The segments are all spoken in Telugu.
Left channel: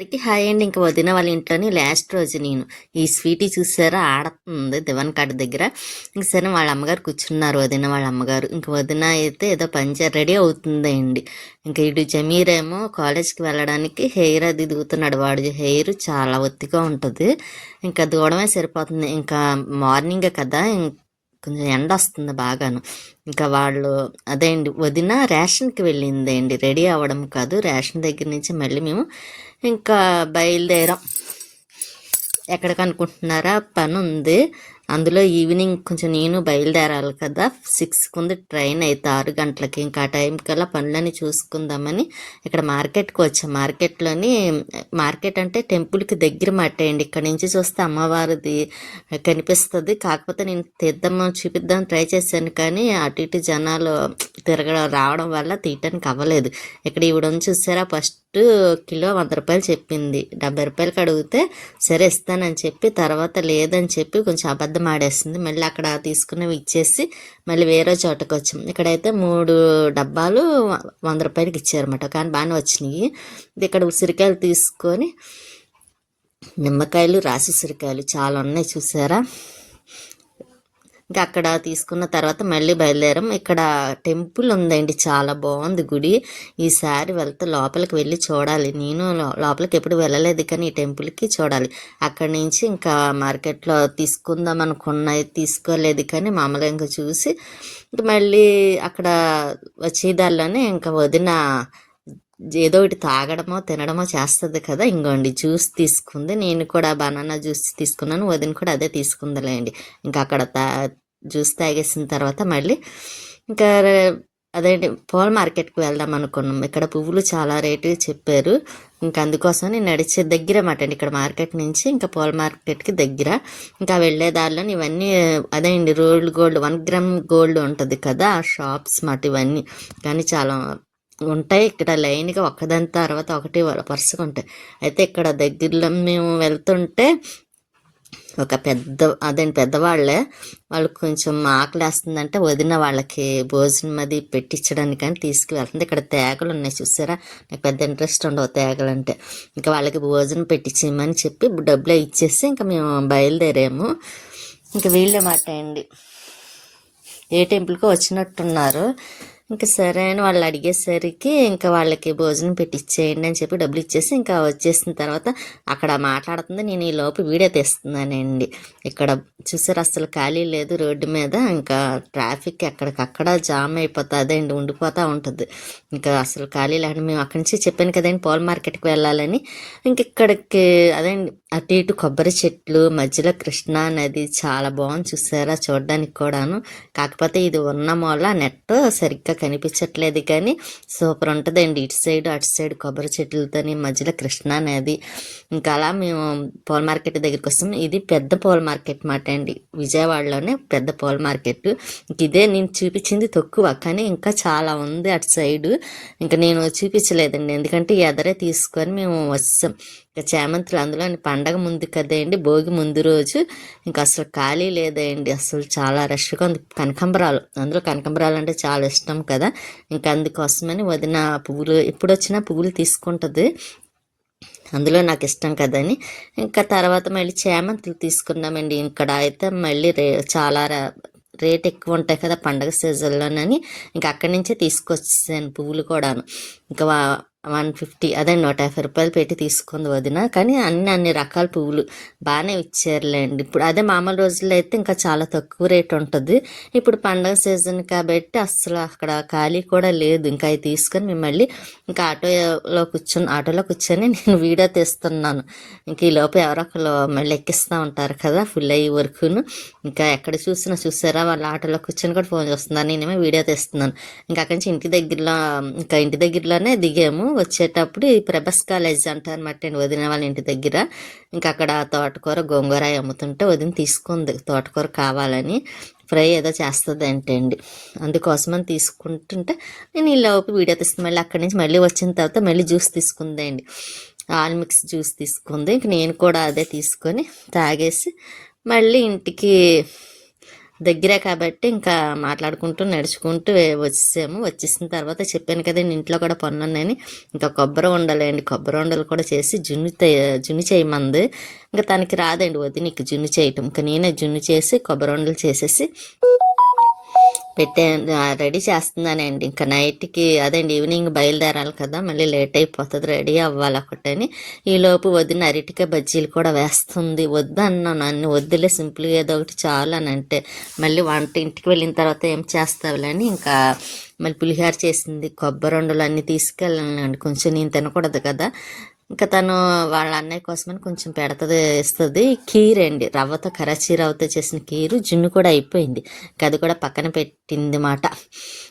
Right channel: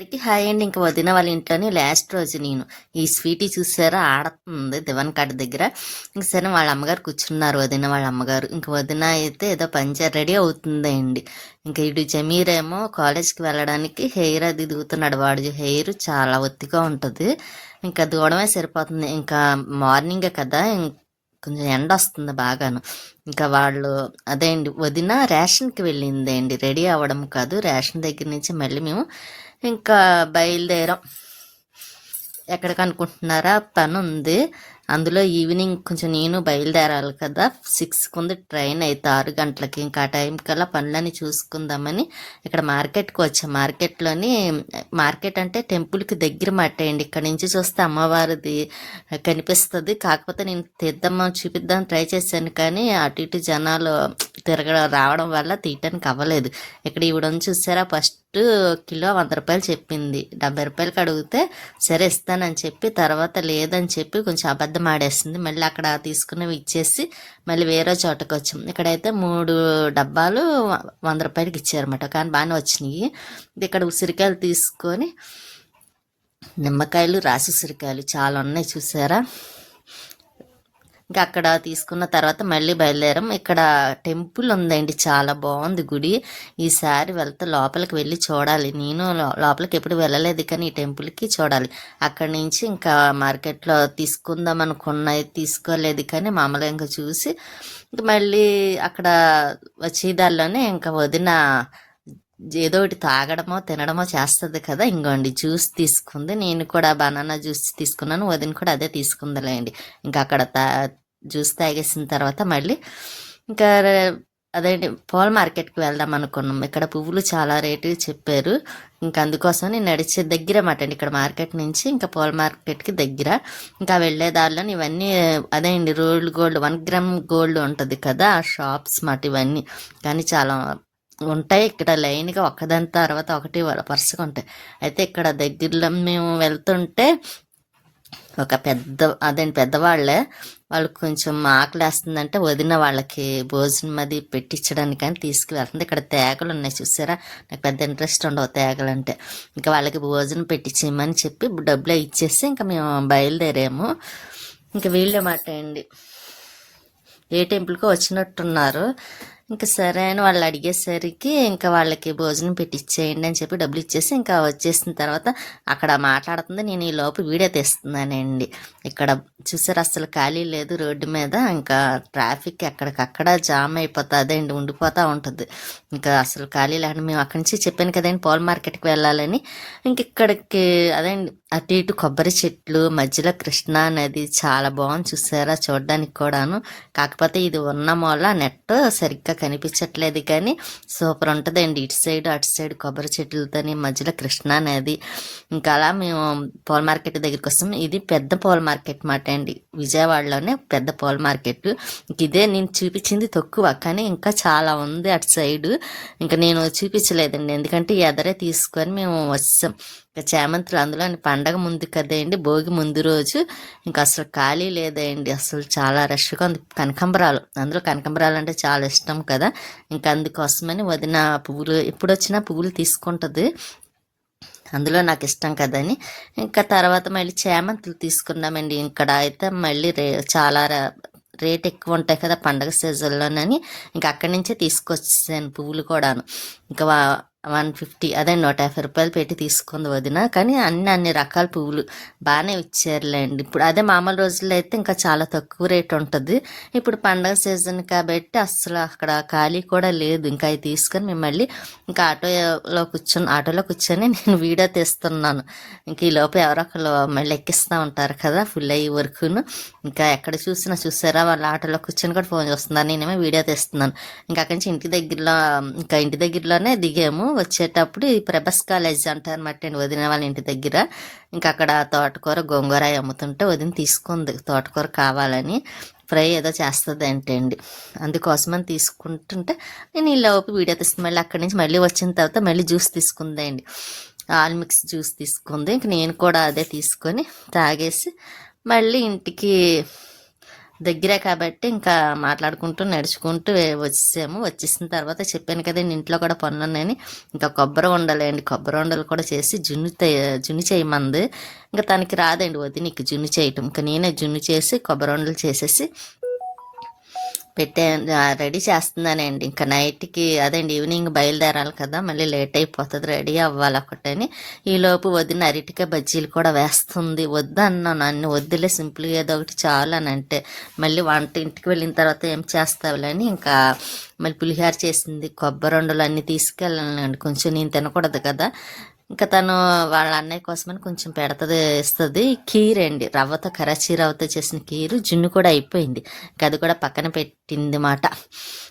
అందరికి హాయ్ అండి. ఇంకా వదిన వాళ్ళ ఇంట్లోనే లాస్ట్ రోజు నేను ఈ స్వీటీ చూసారా? ఆడుతుంది దివన్ కాడ దగ్గర. ఇంక సరే వాళ్ళ అమ్మగారు కూర్చున్నారు వదిన వాళ్ళ అమ్మగారు. ఇంక వదిన అయితే ఏదో పంచర్ రెడీ అవుతుందండి. ఇంక ఇటు జమీర్ ఏమో కాలేజ్కి వెళ్ళడానికి హెయిర్ అది దిగుతున్నాడు. వాడు హెయిర్ చాలా ఒత్తిగా ఉంటుంది. ఇంకా దూడమే సరిపోతుంది. ఇంకా మార్నింగే కదా ఇం- కొంచెం ఎండ వస్తుంది బాగాను. ఇంకా వాళ్ళు అదే అండి వదిన రేషన్కి వెళ్ళింది అండి రెడీ అవ్వడం కాదు. రేషన్ దగ్గర నుంచి మళ్ళీ మేము ఇంకా బయలుదేరాం. ఎక్కడికి అనుకుంటున్నారా పని ఉంది అందులో ఈవినింగ్ కొంచెం నేను బయలుదేరాలి కదా. సిక్స్కి ఉంది ట్రైన్ అయితే ఆరు గంటలకి. ఇంకా ఆ టైం కల్లా పనులని చూసుకుందామని ఇక్కడ మార్కెట్కి వచ్చాం. మార్కెట్లోని మార్కెట్ అంటే టెంపుల్కి దగ్గర మట్టేయండి ఇక్కడ నుంచి చూస్తే అమ్మవారిది కనిపిస్తుంది. కాకపోతే నేను తీద్దాం చూపిద్దాం ట్రై చేశాను కానీ అటు ఇటు జనాలు తిరగడం రావడం వల్ల తీయటానికి అవ్వలేదు. ఇక్కడ ఈవిడ ఉంది చూసారా? ఫస్ట్ కిలో వంద రూపాయలు చెప్పింది. డెబ్బై రూపాయలకి అడిగితే సరే ఇస్తానని చెప్పి తర్వాత లేదని చెప్పి కొంచెం అబద్ధం ఆడేస్తుంది మళ్ళీ అక్కడ తీసుకున్నవి ఇచ్చేసి మళ్ళీ వేరే చోటకు వచ్చాం. ఇక్కడైతే మూడు డబ్బాలు వంద రూపాయలకి ఇచ్చారన్నమాట. కానీ బాగానే వచ్చినాయి. ఇక్కడ ఉసిరికాయలు తీసుకొని నిమ్మకాయలు రాసి ఉసిరికాయలు చాలా ఉన్నాయి చూసారా? ఇంకా అక్కడ తీసుకున్న తర్వాత మళ్ళీ బయలుదేరాం. ఇక్కడ టెంపుల్ ఉందండి చాలా బాగుంది గుడి. ఈసారి వెళ్తే లోపలికి వెళ్ళి చూడాలి. నేను లోపలికి ఎప్పుడు వెళ్ళలేదు కానీ ఈ టెంపుల్కి చూడాలి. అక్కడి నుంచి ఇంకా మార్కెట్లో తీసుకుందాం అనుకున్నది తీసుకోలేదు కానీ మామూలుగా ఇంకా చూసి మళ్ళీ అక్కడ వచ్చేదారిలోనే ఇంకా వదిన ఏదో ఒకటి తాగడమో తినడమో చేస్తుంది కదా. ఇంకోండి జ్యూస్ తీసుకుంది. నేను కూడా బనానా జ్యూస్ తీసుకున్నాను. వదిన కూడా అదే తీసుకుందిలేండి. ఇంకా అక్కడ తా జ్యూస్ తాగేసిన తర్వాత మళ్ళీ ఇంకా అదేంటి పూల మార్కెట్కి వెళ్దాం అనుకున్నాం. ఇక్కడ పువ్వులు చాలా రేటు చెప్పారు. ఇంకా అందుకోసం నేను నడిచే దగ్గర మాట అండి. ఇక్కడ మార్కెట్ నుంచి ఇంకా పూల మార్కెట్కి దగ్గర. ఇంకా వెళ్ళే దారిలో ఇవన్నీ అదే అండి rolled gold one gram gold ఉంటుంది కదా. ఆ షాప్స్ మాట ఇవన్నీ. కానీ చాలా ఉంటాయి. ఇక్కడ లైన్గా ఒకదాని తర్వాత ఒకటి వరుసగా ఉంటాయి. అయితే ఇక్కడ దగ్గరలో మేము వెళ్తుంటే ఒక పెద్ద అదేంటి పెద్దవాళ్ళే వాళ్ళకి కొంచెం ఆకలేస్తుందంటే వదిన వాళ్ళకి భోజనం అది పెట్టించడానికి అని తీసుకువెళ్తుంది. ఇక్కడ తేగలు ఉన్నాయి చూసారా? నాకు పెద్ద ఇంట్రెస్ట్ ఉండవు తేగలు అంటే ఇంకా వాళ్ళకి భోజనం పెట్టించేయమని చెప్పి డబ్బులు ఇచ్చేసి ఇంకా మేము బయలుదేరాము. ఇంకా వీళ్ళే మాట అండి. ఏ టెంపుల్కి వచ్చినట్టున్నారు. ఇంకా సరే అని వాళ్ళు అడిగేసరికి ఇంకా వాళ్ళకి భోజనం పెట్టిచ్చేయండి అని చెప్పి డబ్బులు ఇచ్చేసి ఇంకా వచ్చేసిన తర్వాత అక్కడ మాట్లాడుతుంది. నేను ఈ లోపు వీడియో తీస్తున్నానండి. ఇక్కడ చూసారు అసలు ఖాళీ లేదు రోడ్డు మీద. ఇంకా ట్రాఫిక్ ఎక్కడికక్కడ జామ్ అయిపోతుందండి అండి ఉండిపోతూ ఉంటుంది. ఇంకా అసలు ఖాళీ లేకుండా మేము అక్కడి నుంచి చెప్పాను కదండి పూల మార్కెట్కి వెళ్ళాలని. ఇంక ఇక్కడికి అదండి అటు ఇటు కొబ్బరి చెట్లు మధ్యలో కృష్ణా నది చాలా బాగుంది చూసారా చూడడానికి కూడాను. కాకపోతే ఇది ఉన్న మూల నెట్ సరిగ్గా కనిపించట్లేదు కానీ సూపర్ ఉంటుందండి. ఇటు సైడ్ అటు సైడ్ కొబ్బరి చెట్లతోని మధ్యలో కృష్ణా నది. ఇంకా అలా మేము పూల మార్కెట్ దగ్గరికి వస్తాం. ఇది పెద్ద పూల మార్కెట్ మాట అండి. విజయవాడలోనే పెద్ద పూల మార్కెట్. ఇదే నేను చూపించింది తక్కువ కానీ ఇంకా చాలా ఉంది అటు సైడ్. ఇంకా నేను చూపించలేదండి. ఎందుకంటే ఎదరే తీసుకొని మేము వచ్చాం ఇంకా చేమంతులు అందులో పండగ ముందు కదండి భోగి ముందు రోజు. ఇంకా అసలు ఖాళీ లేదండి. అసలు చాలా రష్గా ఉంది. కనకంబరాలు. అందులో కనకంబరాలు అంటే చాలా ఇష్టం కదా. ఇంకా అందుకోసమని వదిన పువ్వులు ఎప్పుడు వచ్చినా పువ్వులు తీసుకుంటుంది. అందులో నాకు ఇష్టం కదని ఇంకా తర్వాత మళ్ళీ చేమంతులు తీసుకున్నామండి. ఇక్కడ అయితే మళ్ళీ రే చాలా రేట్ ఎక్కువ ఉంటాయి కదా పండగ సీజన్లోనని. ఇంకా అక్కడి నుంచే తీసుకొచ్చాను పువ్వులు కూడాను. ఇంకా వన్ ఫిఫ్టీ. అదే నూట యాభై రూపాయలు పెట్టి తీసుకుంది వదిన. కానీ అన్ని అన్ని రకాల పువ్వులు బాగానే ఇచ్చారులేండి. ఇప్పుడు అదే మామూలు రోజుల్లో అయితే ఇంకా చాలా తక్కువ రేట్ ఉంటుంది. ఇప్పుడు పండగ సీజన్ కాబట్టి అసలు అక్కడ ఖాళీ కూడా లేదు. ఇంకా అవి తీసుకొని మేము మళ్ళీ ఇంకా ఆటోలో కూర్చొని ఆటోలో కూర్చొని నేను వీడియో తీస్తున్నాను. ఇంక ఈ లోపు ఎవరో ఒకరు మళ్ళీ ఎక్కిస్తూ ఉంటారు కదా ఫుల్ అయ్యే వరకును. ఇంకా ఎక్కడ చూసినా చూసారా వాళ్ళ ఆటోలో కూర్చొని కూడా ఫోన్ చేస్తున్నారు నేనేమో వీడియో తీస్తున్నాను. ఇంకా అక్కడి నుంచి ఇంటి దగ్గరలో ఇంకా ఇంటి దగ్గరలోనే దిగాము. వచ్చేటప్పుడు ఈ ప్రభస్ కాలేజ్ అంటారు అనమాట వదిన వాళ్ళ ఇంటి దగ్గర. ఇంకా అక్కడ తోటకూర గోంగూర అమ్ముతుంటే వదిన తీసుకుంది తోటకూర కావాలని. ఫ్రై ఏదో చేస్తుంది అంటే అండి అందుకోసమని తీసుకుంటుంటే నేను ఈ వీడియో తీస్తుంది మళ్ళీ అక్కడి నుంచి మళ్ళీ వచ్చిన తర్వాత మళ్ళీ జ్యూస్ తీసుకుందండి. ఆల్ మిక్స్ జ్యూస్ తీసుకుంది. ఇంక నేను కూడా అదే తీసుకొని తాగేసి మళ్ళీ ఇంటికి దగ్గరే కాబట్టి ఇంకా మాట్లాడుకుంటూ నడుచుకుంటూ వచ్చేసాము. వచ్చేసిన తర్వాత చెప్పాను కదండి ఇంట్లో కూడా పనులు ఉన్నాయని ఇంకా కొబ్బరి ఉండలేండి కొబ్బరి ఉండలు కూడా చేసి జున్ను జున్ను చేయమంది. ఇంకా తనకి రాదండి వదినికి జున్ను చేయటం. ఇంకా నేనే జున్ను చేసి కొబ్బరి ఉండలు చేసేసి పెట్టే రెడీ చేస్తున్నానండి. ఇంకా నైట్కి అదండి ఈవినింగ్ బయలుదేరాలి కదా మళ్ళీ లేట్ అయిపోతుంది రెడీ అవ్వాలి ఒకటని. ఈలోపు వదిన అరటికాయ బజ్జీలు కూడా వేస్తుంది. వద్దు అన్నాను అన్ని వద్దులే సింపుల్గా ఏదో ఒకటి చాలు అని అంటే మళ్ళీ వంట ఇంటికి వెళ్ళిన తర్వాత ఏం చేస్తావులే అని ఇంకా మళ్ళీ పులిహార చేసింది కొబ్బరి ఉండలు అన్నీ తీసుకెళ్ళాలండి కొంచెం నేను తినకూడదు కదా. ఇంకా తను వాళ్ళ అన్నయ్య కోసమని కొంచెం పెడతది ఇస్తుంది. కీర్ అండి. రవ్వతో కరాచీ రవ్వతో చేసిన కీరు జున్ను కూడా అయిపోయింది. ఇంకా అది కూడా పక్కన పెట్టింది మాట.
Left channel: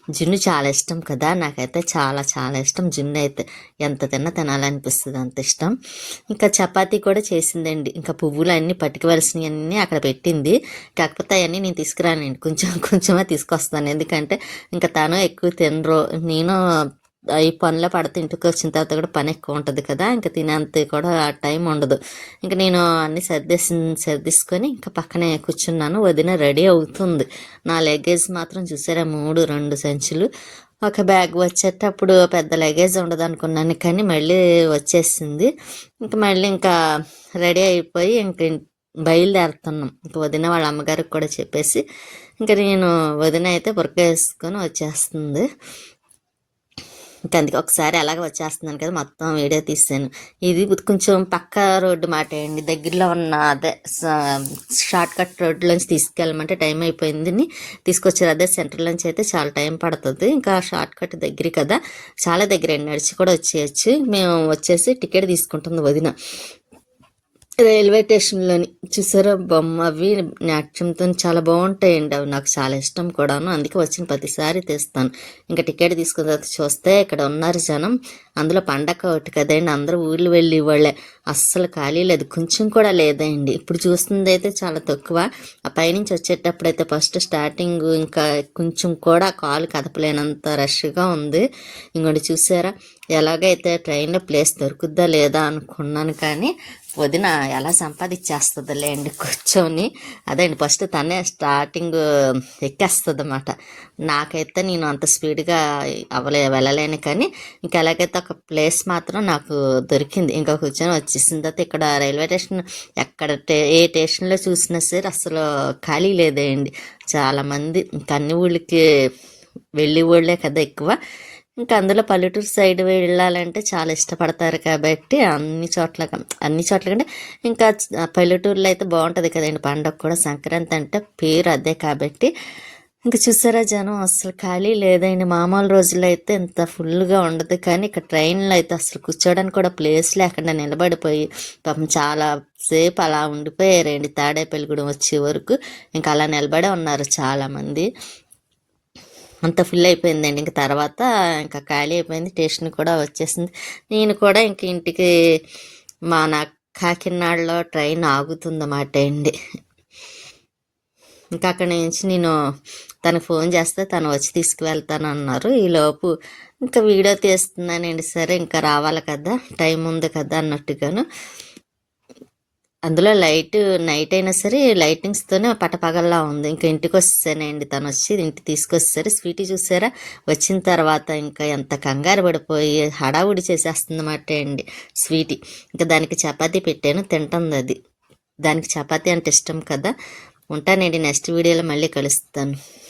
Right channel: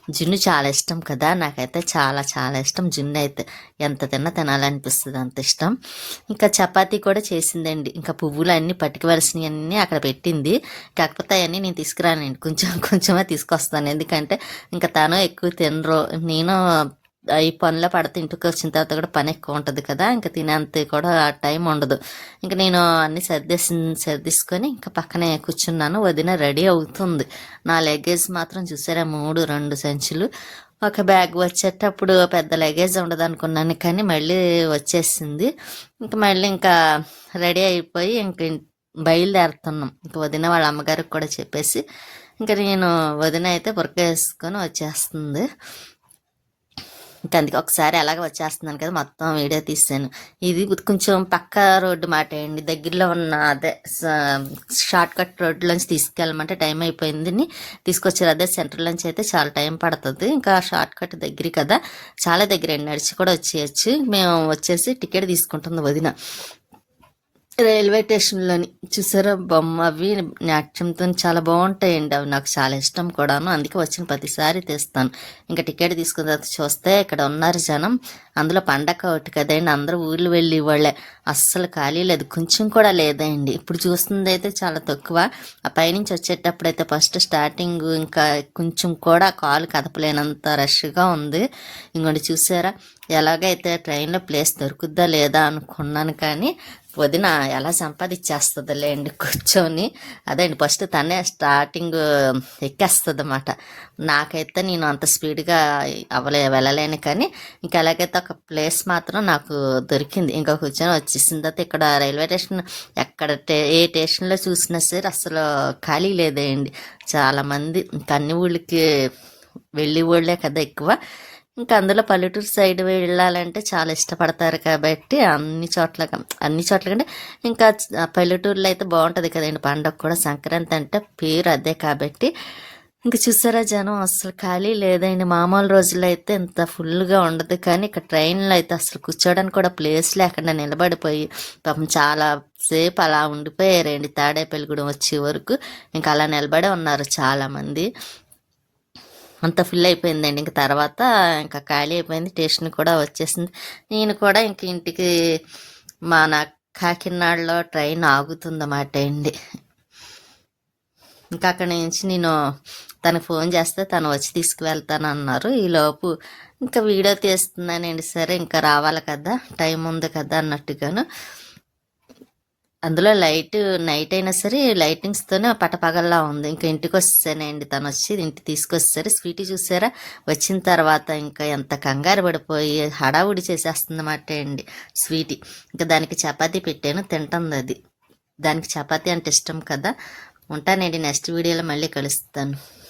జున్ను చాలా ఇష్టం కదా. నాకైతే చాలా చాలా ఇష్టం. జున్ను అయితే ఎంత తిన్నా తినాలనిపిస్తుంది అంత ఇష్టం. ఇంకా చపాతీ కూడా చేసిందండి. ఇంకా పువ్వులు అన్నీ పట్టుకోవలసినవి అన్నీ అక్కడ పెట్టింది. కాకపోతే అవన్నీ నేను తీసుకురానండి. కొంచెం కొంచెమే తీసుకొస్తాను. ఎందుకంటే ఇంకా తను ఎక్కువ తినరు. నేను ఈ పనులు పడితే ఇంటికి వచ్చిన తర్వాత కూడా పని ఎక్కువ ఉంటుంది కదా ఇంకా తినేంత కూడా ఆ టైం ఉండదు. ఇంకా నేను అన్ని సర్దేసి సర్దేసుకొని ఇంకా పక్కనే కూర్చున్నాను. వదిన రెడీ అవుతుంది. నా లగేజ్ మాత్రం చూసారా? మూడు రెండు సంచులు. ఒక బ్యాగ్ వచ్చేటప్పుడు పెద్ద లగేజ్ ఉండదు అనుకున్నాను కానీ మళ్ళీ వచ్చేసింది. ఇంకా మళ్ళీ ఇంకా రెడీ అయిపోయి ఇంక బయలుదేరుతున్నాం. ఇంకా వదిన వాళ్ళ అమ్మగారికి కూడా చెప్పేసి ఇంకా నేను వదిన అయితే బురక వేసుకొని వచ్చేస్తుంది. ఇంకా అందుకే ఒకసారి ఎలాగ వచ్చేస్తున్నాను కదా మొత్తం వీడియో తీసాను. ఇది కొంచెం పక్క రోడ్డు మాట అండి. దగ్గరలో ఉన్న అదే షార్ట్ కట్ రోడ్లోంచి తీసుకెళ్ళమంటే టైం అయిపోయిందని తీసుకొచ్చారు. అదే సెంటర్లోంచి అయితే చాలా టైం పడుతుంది. ఇంకా షార్ట్ కట్ దగ్గర కదా చాలా దగ్గర అండి. నడిచి కూడా వచ్చేయచ్చు. మేము వచ్చేసి టికెట్ తీసుకుంటుంది వదిన. రైల్వే స్టేషన్లోని చూసారా బొమ్మ అవి? నాట్యంతో చాలా బాగుంటాయండి. అవి నాకు చాలా ఇష్టం కూడాను. అందుకే వచ్చిన ప్రతిసారి తెస్తాను. ఇంకా టికెట్ తీసుకున్న తర్వాత చూస్తే ఇక్కడ ఉన్నారు జనం. అందులో పండగ ఒకటి కదండి. అందరూ ఊర్లు వెళ్ళి వాళ్ళే. అస్సలు ఖాళీ లేదు. కొంచెం కూడా లేదండి. ఇప్పుడు చూస్తుంది అయితే చాలా తక్కువ. ఆ పైనుంచి వచ్చేటప్పుడు అయితే ఫస్ట్ స్టార్టింగ్ ఇంకా కొంచెం కూడా కాలు కదపలేనంత రష్గా ఉంది. ఇంకోటి చూసారా? ఎలాగైతే ట్రైన్లో ప్లేస్ దొరుకుద్దా లేదా అనుకున్నాను కానీ వదిన ఎలా సంపాదించేస్తుందిలే అండి కూర్చొని. అదండి ఫస్ట్ తనే స్టార్టింగ్ ఎక్కేస్తుంది అన్నమాట నాకైతే నేను అంత స్పీడ్గా అవ్వలే వెళ్ళలేను కానీ ఇంకా ఎలాగైతే ఒక ప్లేస్ మాత్రం నాకు దొరికింది. ఇంకా కూర్చొని వచ్చేసిన తర్వాత ఇక్కడ రైల్వే స్టేషన్ ఎక్కడ టే- ఏ స్టేషన్లో చూసినా సరే అసలు ఖాళీ లేదండి చాలామంది ఇంకా అన్ని ఊళ్ళకి వెళ్ళి ఊళ్ళే కదా ఎక్కువ. ఇంకా అందులో పల్లెటూరు సైడ్ వెళ్ళాలంటే చాలా ఇష్టపడతారు కాబట్టి అన్ని చోట్ల అన్ని చోట్ల కంటే ఇంకా పల్లెటూరులో అయితే బాగుంటుంది కదండి పండగ కూడా. సంక్రాంతి అంటే పేరు అదే కాబట్టి. ఇంకా చూసారా జనం అసలు ఖాళీ లేదండి. మామూలు రోజుల్లో అయితే ఇంత ఫుల్గా ఉండదు కానీ ఇక్కడ ట్రైన్లో అయితే అసలు కూర్చోడానికి కూడా ప్లేస్ లేకుండా నిలబడిపోయి పాపం చాలా సేపు అలా ఉండిపోయారండి. తాడేపల్లిగూడెం వచ్చే వరకు ఇంకా అలా నిలబడే ఉన్నారు చాలామంది. అంత ఫుల్ అయిపోయిందండి. ఇంక తర్వాత ఇంకా ఖాళీ అయిపోయింది. స్టేషన్ కూడా వచ్చేసింది. నేను కూడా ఇంక ఇంటికి మన కాకినాడలో ట్రైన్ ఆగుతుందన్నమాట అండి. ఇంకా అక్కడి నుంచి నేను తను ఫోన్ చేస్తే తను వచ్చి తీసుకువెళ్తాను అన్నారు ఈలోపు ఇంకా వీడియో తీస్తున్నానండి. సరే ఇంకా రావాలి కదా టైం ఉంది కదా అన్నట్టుగాను. అందులో లైట్ నైట్ అయినా సరే లైటింగ్స్తోనే పటపగల్లా ఉంది. ఇంకా ఇంటికి వచ్చేసానండి తను వచ్చి ఇంటికి తీసుకొచ్చేసరి స్వీటీ చూసారా? వచ్చిన తర్వాత ఇంకా ఎంత కంగారు పడిపోయి హడావుడి చేసేస్తుందన్నమాట అండి స్వీటీ. ఇంకా దానికి చపాతీ పెట్టాను తింటుంది అది. దానికి చపాతీ అంటే ఇష్టం కదా. ఉంటానండి నెక్స్ట్ వీడియోలో మళ్ళీ కలుస్తాను.